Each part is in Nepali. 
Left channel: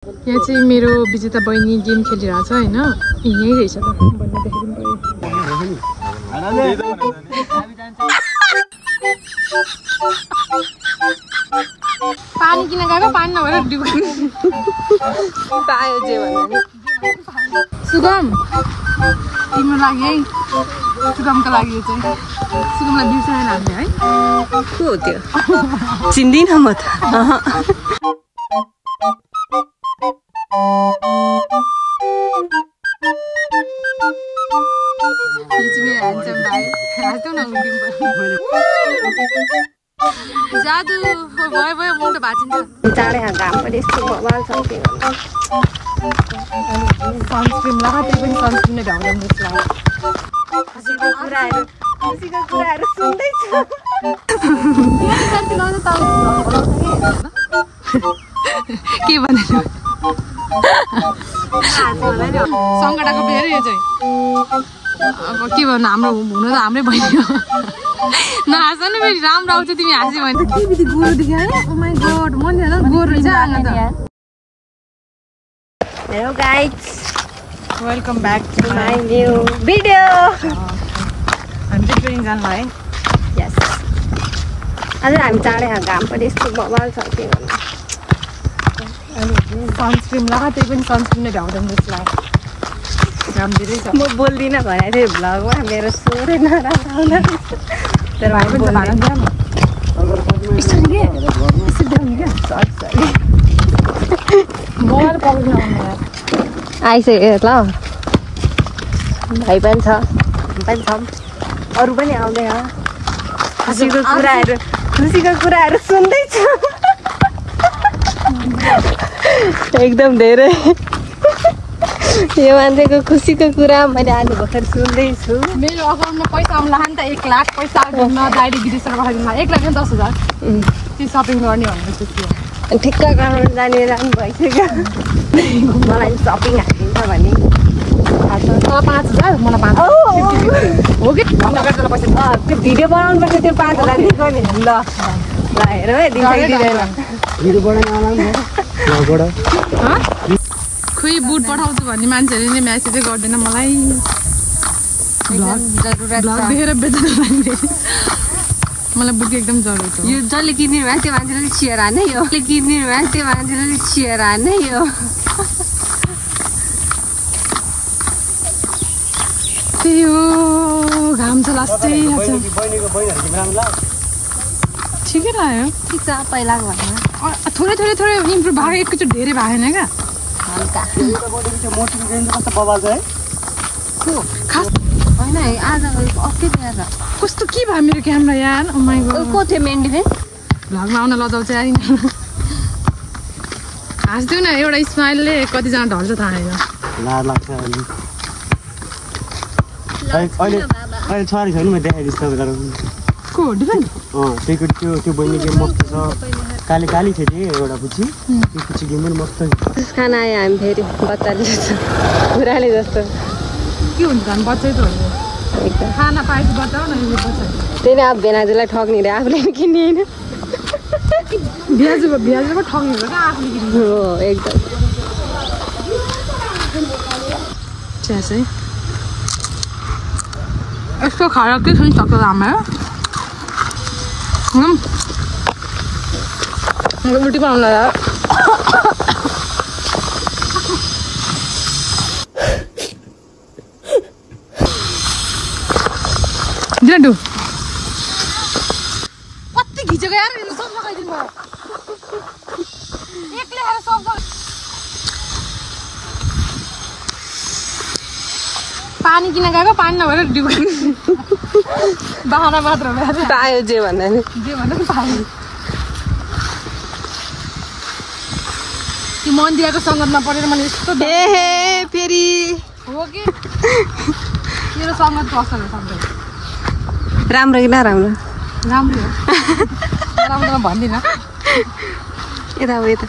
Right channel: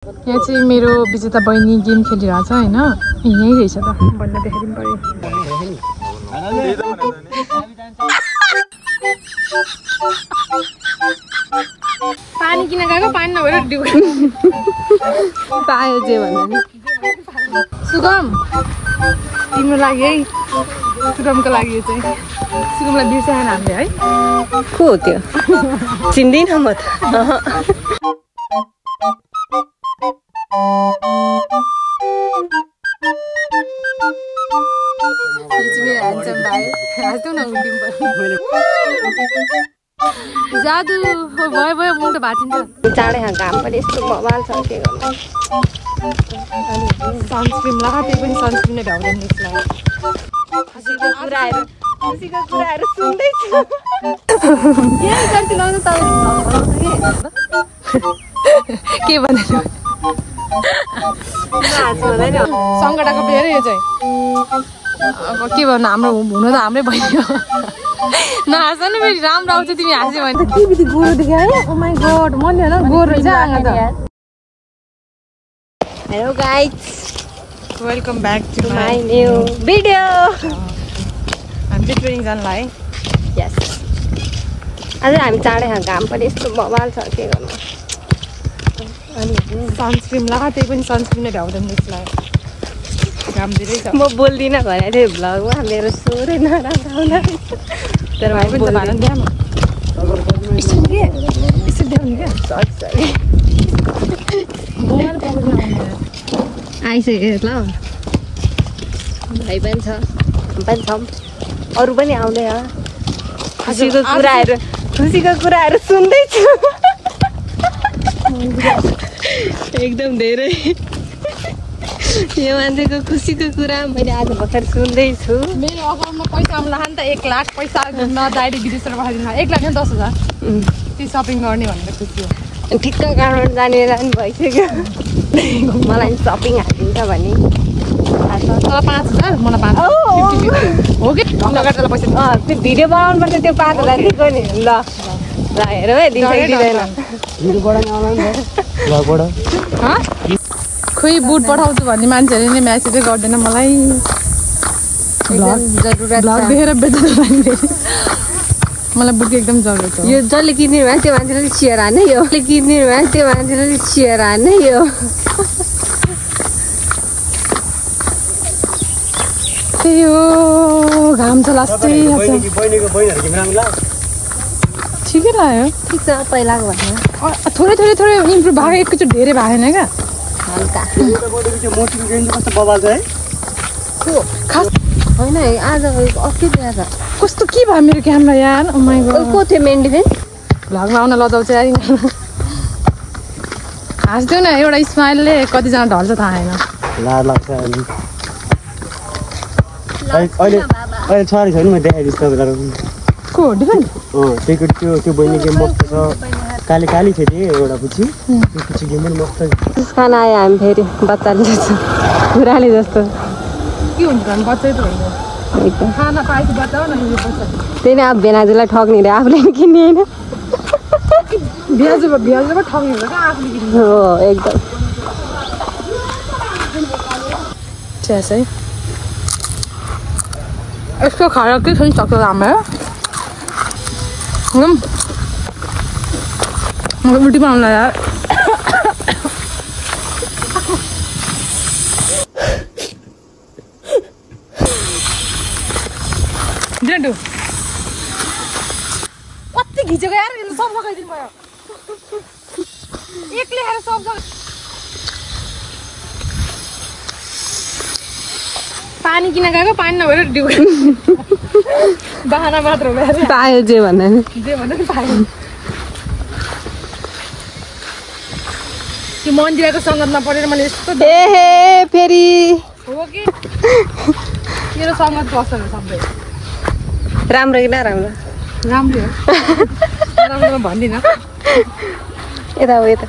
यहाँ चाहिँ मेरो विजेता बहिनी गेम खेलिरहेछ हैन यही रहेछ ल बन्न देखाइदिनु पर्यो पानी किन गएको पानी नभएर डुब पाए जे भने सुगम तिम्रो लागि है सुगमको लागि यो चाहिँ सुगमलाई बिर्साएन हामीले है को हो त्यो चिन्दिन म त जादु भयो भयो मुख त भाँचिन्छ चाँडै घाम पनि यस्तो बवाल छ के गर्नु सनस्क्रिन लगा त्यही पनि सनस्क्रिन नै ढाउँदैन त्यसलाई खुसीको कुराहरू सुन्दैछु के भनेर सङ्कटाको बेर यो चाहिँ अब के भन्नु हाम्रो हुनु त हाम्रै बहिनी हो नहाँस नि फेरि राम्रो आउँछ तिमी हाँस्यो भने त के बित्ति गोरो देखायो ओ माई गॉड मन नि होइन गोरो रहेछ आँगा त hello guys welcome back to my new video हामी चाहिँ ट्रेनिङ जानलाई है यस आज हामी चाँडै घाम पनि यस्तो बवाल छ के गर्नु सनस्क्रिन लगा त्यही पनि सनस्क्रिन नै ढाउँदैन त्यसलाई घाम धेरै छ म बोल्दिनँ भनेको थिएँ भ्लगमा मेरो स्वरै नराम्रो आउँदा तर भाइ पनि त भाँडा दिएन यसरी के यसरी देखाउने क्या सरी मोबाइल पक्रिन आउनु आइसक्यो ल भाइ पनि छ हामी पनि छौँ अरू पनि आउँदैन खुसीको कुराहरू सुन्दैछु एकदम धेरै यो मान्छेको खुसीको कुरा मैले आज भर्खर सुन्दैछु मेरो अकाउन्टमा पैसा आउला नि त 1 लाख पैसा नदाइले विदेशबाट पठाइदिनु 1 लाख 10,000 त्यो सपिङ गर्ने भनेको थियो ठिक्क काठमाडौँ जाने रानी भइसक्यो मलाई सपिङ हालिदिन्छ भने 5,000 मलाई 5 हो कि पैसा त्यो भिडियो बनाउनु पर्छ त्यो 5,000 दिएको नि ल हेरौँ है दिन्छ कि दिँदैन खोइ बुट पठाउँछु भन्ने मान्छेहरूले नै म्यासेजै गर्दैन मलाई भ्लग देखेर बेच्नु लाग्ने मलाई बुटको एकदम जरुरत छ यो जसले किन्ने भयो त्यो मान्छेले सेयर हान्ने यो किन्ने भयो त्यो मान्छेले सेयर हान्ने यो त्यही हो घाम छ लास्टै ठिकै लाग्यो ठिक छ पहिलाको भन्दा थोरै इम्प्रुभ भएको एकैचोटि धेरै भएन क्या होइन आज अस्ति दिएर छ कस्तो के भयो मेरो क्यामेरा यार ओ माइ गॉड को थियो मेन्डी चाहिँ भ्लगमा आउन लजाउँछ यार हाँस्थ्यो न एउटा स्माइलले कतिजना ढल्छ थाहा छैन अहिले छोरी छैन म देखाइदिन्छु तपाईँलाई को डिफरेन्ट हो त्यो बहिनी गेम मस्त छ काली छ एउटा पुची त्यो पुची गेम पनि मस्त छ खाना आयो हामी फेरि बच्चा लिन्छ पुरानो जस्तो के हुन्छ हामी बच्चै त हुन्छ खाना पाएपछि बचाऊ न यो बच्चा त्यही नै अब भेनाजुलाई ठग्ने रे आफूले किन्ने होइन भ्याजुमा ठग्ने हो क्या आफूले किन्ने हो एकदम चिया चाहिँ यसको खाएर के छ नि सक्छ राम्रो उल्टी आउन डिन्डु कति घिचेको यार सब लगाइदिनु एकले खाएर सब पानी किन गएको पानी नभएर डुब बहाना मात्र पायो जे भने पायो त्यो मन्दिरको सङ्गतमा परेर मैले यस्तो फेरि हो कि मेरो सङ्गत पसल सबै राम्रो कि नराम्रो राम्रो राम्रो भन्दिनँ यता हो यता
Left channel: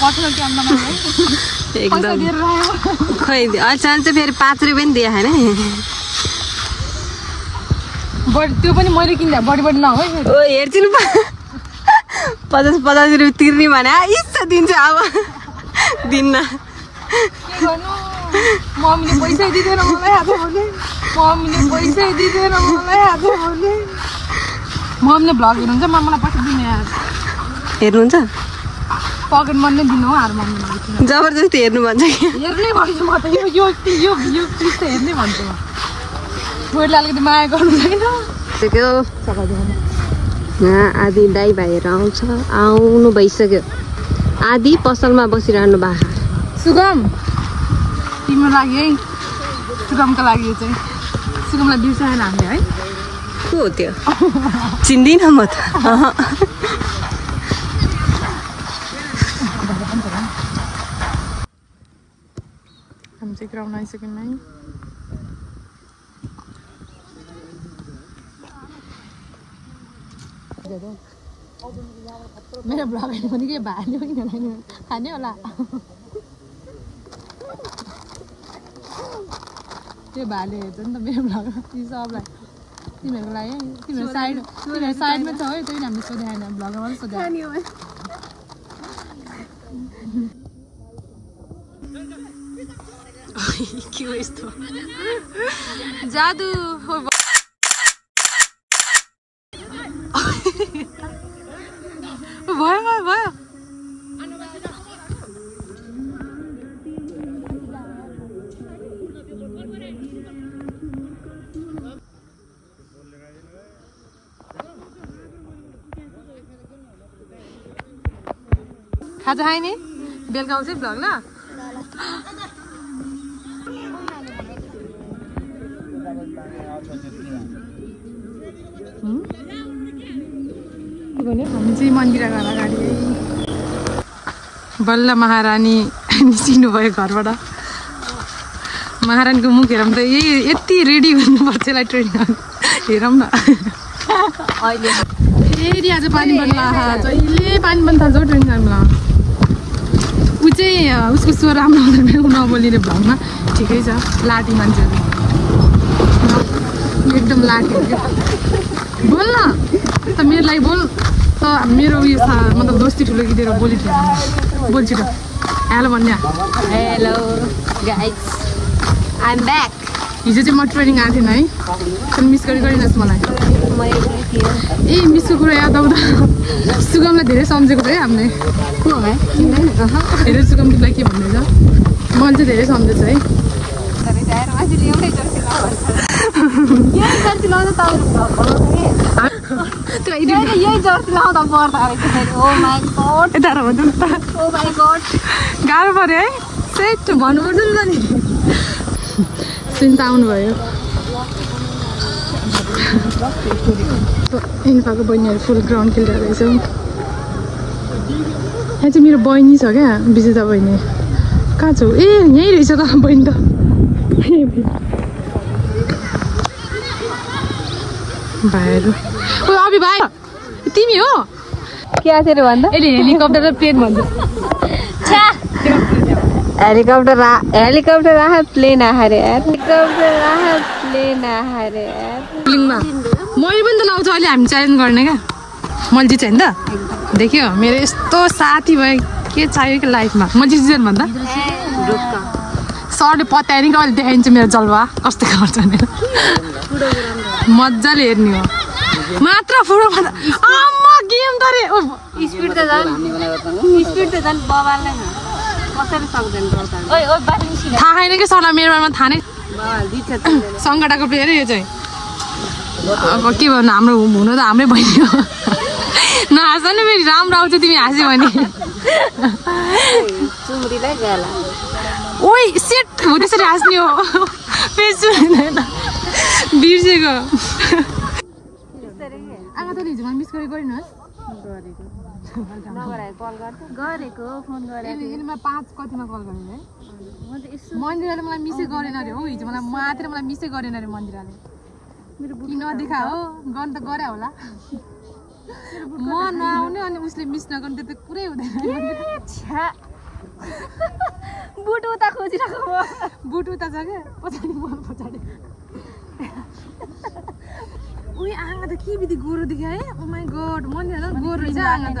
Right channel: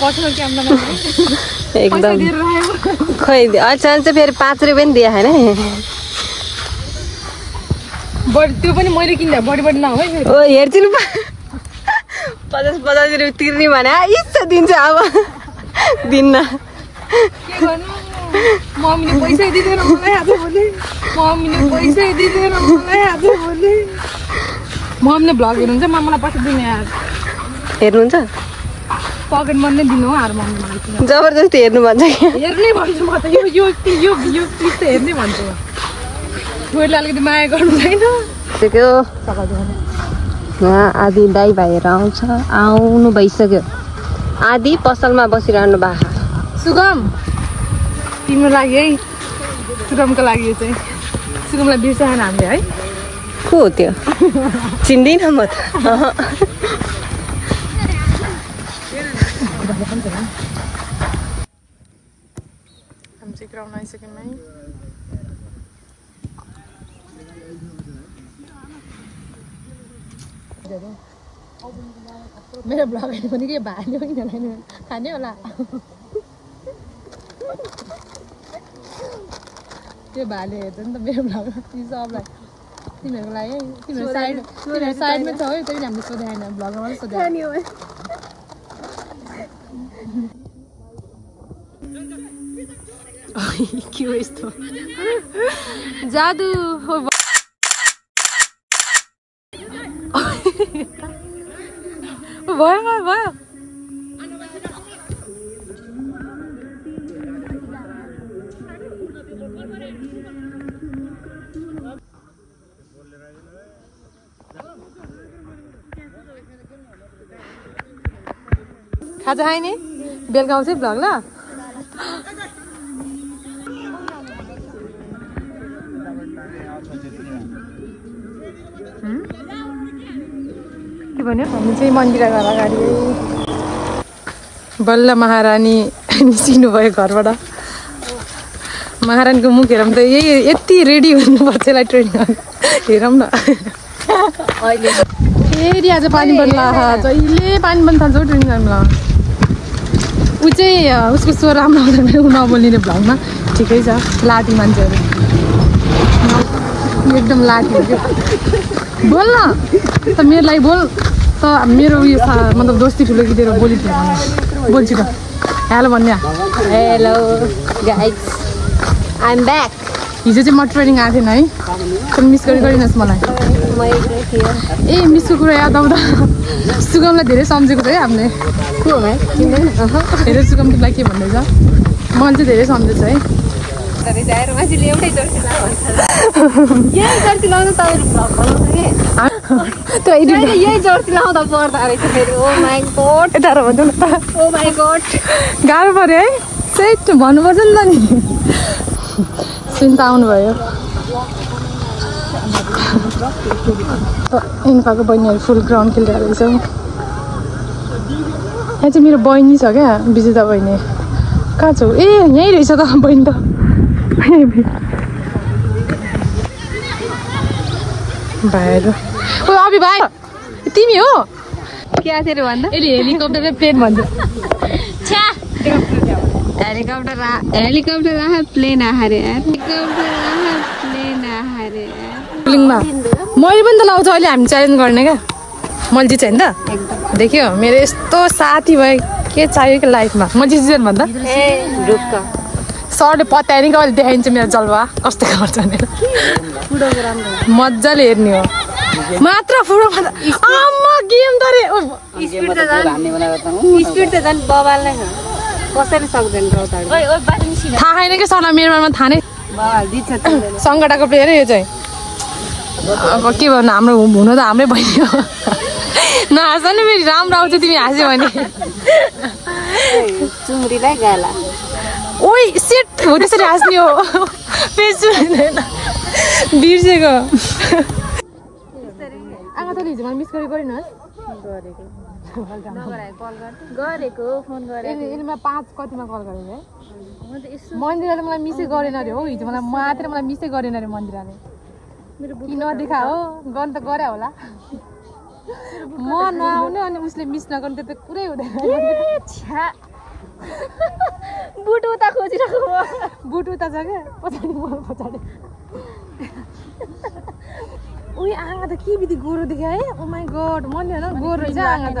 पर्सनल क्यामेरामा एकदम खै अचानक चाहिँ फेरि 5 रुपियाँ पनि दिए होइन बडी त्यो पनि मैले किन्दा बडी नहो है हेर्छु नि 50 रुपियाँ तिर्ने भने इच्छा दिन्छ अब दिन्न के गर्नु मम्मीले पैसा दिँदैन मलाई आज भोलि मम्मीले पैसा दिँदैन मलाई आज भोलि मम्मीले भ्लग हेर्नुहुन्छ मलाई पैसा दिने यार हेर्नुहुन्छ पकेट मनी दिनु हो यार मम्मीले जबरजस्ती हेर्नु भन्छ कि हेर्नै भन्छु म त यो प्लिज त हेर्नै भन्छु छोरीले अलिकति माया गर्नु छैन यहाँ आधी दाइ भाइहरू आउनु भइसक्यो आधी पसलमा बसिरहनु भएको सुगम तिम्रो लागि है सुगमको लागि यो चाहिँ सुगमलाई बिर्साएन हामीले है को हो त्यो चिन्दिनँ म त हामी चाहिँ ग्राउन्ड आइसक्यौँ है मेरो ब्लग हेर्नु पनि के भाले पनि खाने होला त्यो भाले हेर्छ नि त मेरो ब्लग सबलाई तिमीहरूको लागि है तिमीहरू साइडमा छ है तैँले हामीले सोधे आएन ब्लगमा पनि सोधे के हो यस्तो जादु भयो खाजा खाने बेलुका आउँछ भ्लग ल के भन्यो हामी चाहिँ मन्दिर घर अगाडि बल्ल महारानी निस्किनु भयो घरबाट महारानीको मुख हेरौँ त यति रेडी हुनुपर्छ यसलाई ट्रेनिङ हेरौँ न फेरि आज पानी बन्ला जहिले पानी बन्द थाल्छ ट्रेनिङ गर्नुलाई ऊ चाहिँ उसको स्वर राम्रो हुँदैन ऊ नबोल्ने भ्लगमा ठिकै छ लाटी मान्छेहरू एकदम लाटी बोल न त मेरो लागि बोल त मेरो उयो मतलब दोस्ती ठुलो किदेर बोली ठुलो बोल्छु त हेलो भन्ने hello guys I am back हिजो चाहिँ म ट्रेनिङ आएको थिएन है तर मिस गरिदिनुहोस् मलाई ए मिसको कुरा याद आउँदा सुगमलाई धेरै सम्झेको थियो है हामीले को हो भाइ धेरै सुगमलाई के भन्दैछ मैले चाहिँ धेरै सम्झेछु है यही जर्सी लाउँदा पर्दा रहेछ फेरि ओ माई गॉड यता भन्नु न ओ माई गॉड गाह्रो पर्यो है सेट भन्नुपर्छ नि त नि चिन्ता आउनुभयो इन्फाको बहिनीहरू फुल ग्राउन्ड खेलिरहेको रहेछ यहाँ चाहिँ मेरो बहिनी छ क्या विजेता बहिनी कहाँ छौ ए यहीँ रहेछ त बहिनी त भाइहरू ओ अभि भाइ तिमी हो के आएर भन्दा यसले हेलिकप्टर र प्लेन भन्छ हेलिकप्टर आह प्लेन आएर हेलिकप्टर आह प्लेन आएर लिङमा मैले पनि त लाउँछु अहिले हामी च्यालेन्ज गर्ने क्या मैले जित्छु होइन त देख्यो मेरो यस्तो साथी भयो के चाहियो कि लाइफमा म जित्दैन भन्दा सरले पत्याएर नि कहिले देखाइन्छ मेरो जलवा कस्तो गर्छ भनेर मजाले हेर्ने हो मात्र फुटबल आम्मा गेम त रे स्पिड त झन् बबाल्नै छ कसैले सक्दैन थाहा छैन क्या सर मेरोमा थाहा नै सङ्गटाको प्लेयर यो चाहिँ अब के भन्नु हाम्रो हुनु त हाम्रै बहिनी हो नहाँस नि फेरि राम्रो आउँछ तिमी हाँस्यो भने ओइ सेट हो त्यसरी हाँस्ने हो बिर्सेको आमा तैँले हिजो मलाई मिस गरिनुहोस् गरेको फोन यसले 5 कतिमा कल गरेको है मन्दिराले मलाई मिसै गरेन अरे हो हिजो मलाई मिसै गरेन अरे मन्दिराले कि नदेखा हो गर्नु त गरे होला म नआउने अनि उसले मिस नगर्नु त्यो त कुरै हुँदैन बुट उता खोजिरहेको बुट उता छ क्या पछाडि बल पछाडि उही आँगा त के बित्ति गोरो देख्यो है ओ माई गड मन्दिर होइन गोरो रहेछ आँगा त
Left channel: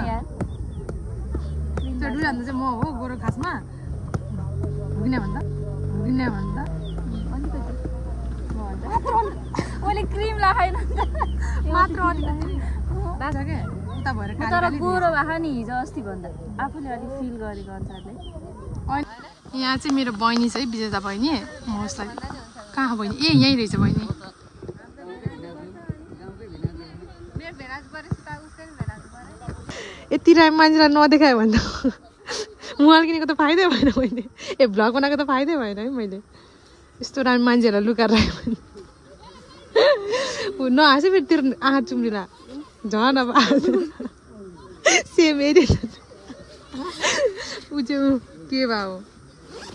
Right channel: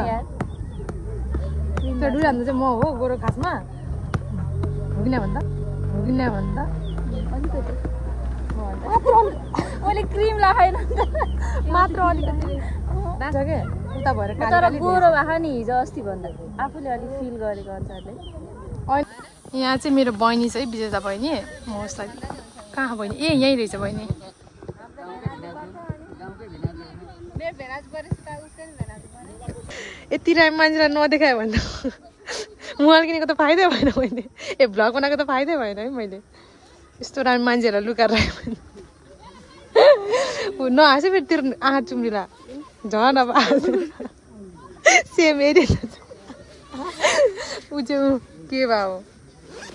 त्यो डुलाउँदा चाहिँ म हो गोरो खासमा हो कि भन्दा अलिकति मात्र मैले क्रिम लगाएन मात्र अलिकति नाच के उता भएर तर गोरो भएको नि हिजो अस्ति भन्दा आफूले अलिक फिल गरेको अनुसारले यहाँ चाहिँ मेरो बहिनी छ है विजेता बहिनी म उसलाई कहाँ बहिनी ए यहीँ रहेछ बहिनी यति राम मान्छेलाई नदेखायो भने त मोबाइल किनेको त फाइदै भएन मैले भ्लग बनाएको त फाइदै भएन है मैले यस्तो राम मान्छेहरूलाई लुकाएर राखेँ भने नहाँसै फेरि तेरो आँखा चुम्रिला झन् अब सेम एरिया ऊ चाहिँ के भयो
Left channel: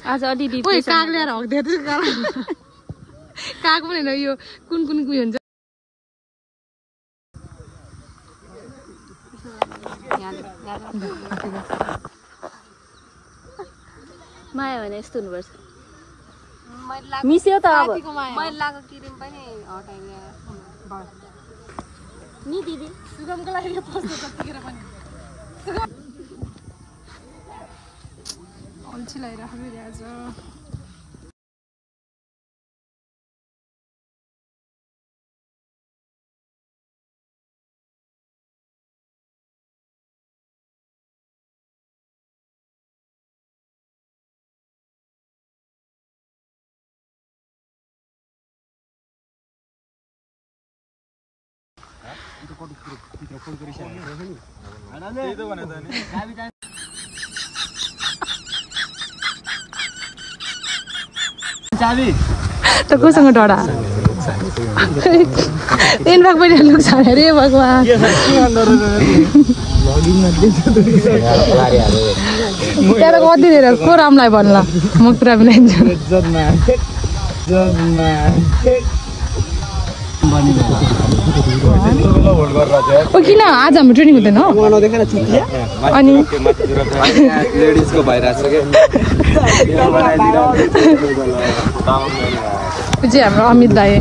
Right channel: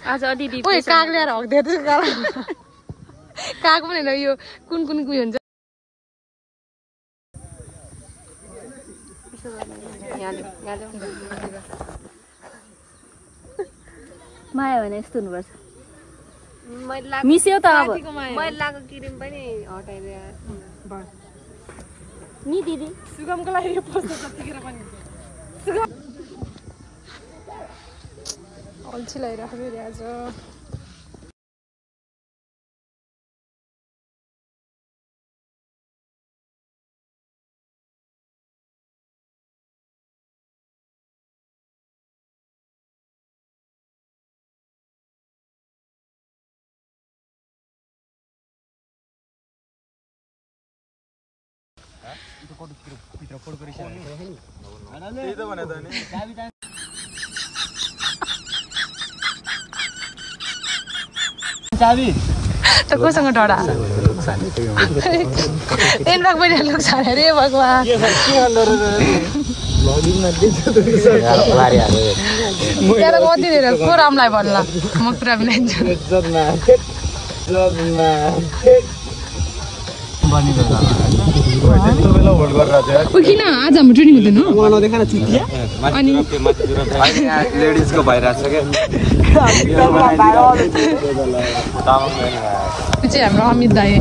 आज अलि ओइ काग ल्याएर हक्दै काग पनि होइन यो कुन उयो हुन्छ माया भने यस्तो हुनुपर्छ मिस्यो त मैले लगाएको क्रिम पनि हटाइदिए नि दिदी सुगमको लागि यो पस्छ जतिखेर पनि अल्छी लगाइरहेको फेरि आज त कोसँग डरा तिनमा पनि लुक्छ अरे भगवान त्यहाँ कति धेरै को रामलाई भन्ला म पुरा बनाइदिन्छु किन आज हाम्रो ट्रेनिङ हुँदैन अनि हाम्रो अमित दाई